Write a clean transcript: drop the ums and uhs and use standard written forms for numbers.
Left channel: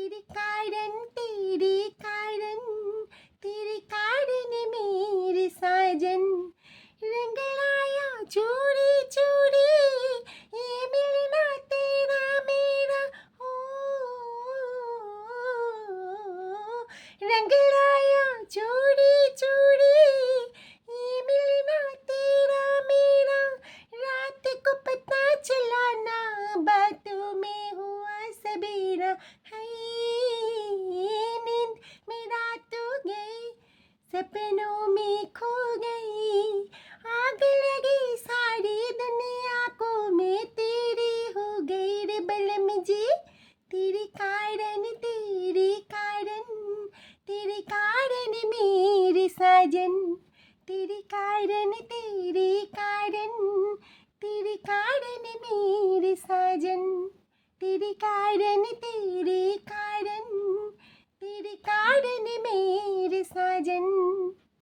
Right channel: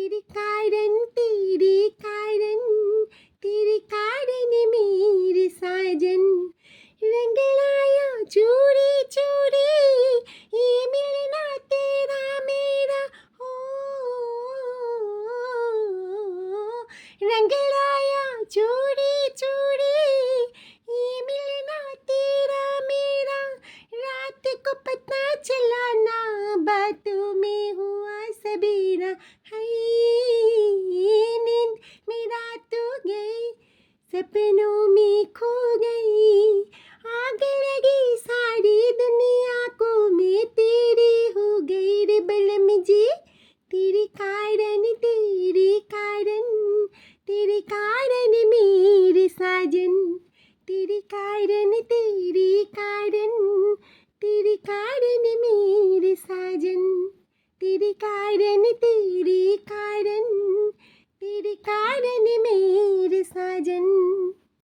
तेरी कारण तेरी कारण मेरी साजन रंग लाया चूड़ी चूड़ी ये मिलना तेरा मेरा हो रंग लाया चूड़ी चूड़ी ये मिलना तेरा मेरा रात को पता चला ना बातों में हुआ सबेरा है नींद में रात गई सपनों में खो गई आग लगी सारी दुनिया को मैं तेरी हो गई रे बलम जी तेरे कारण मेरे साजन तेरे कारण मेरे साजन तेरे कारण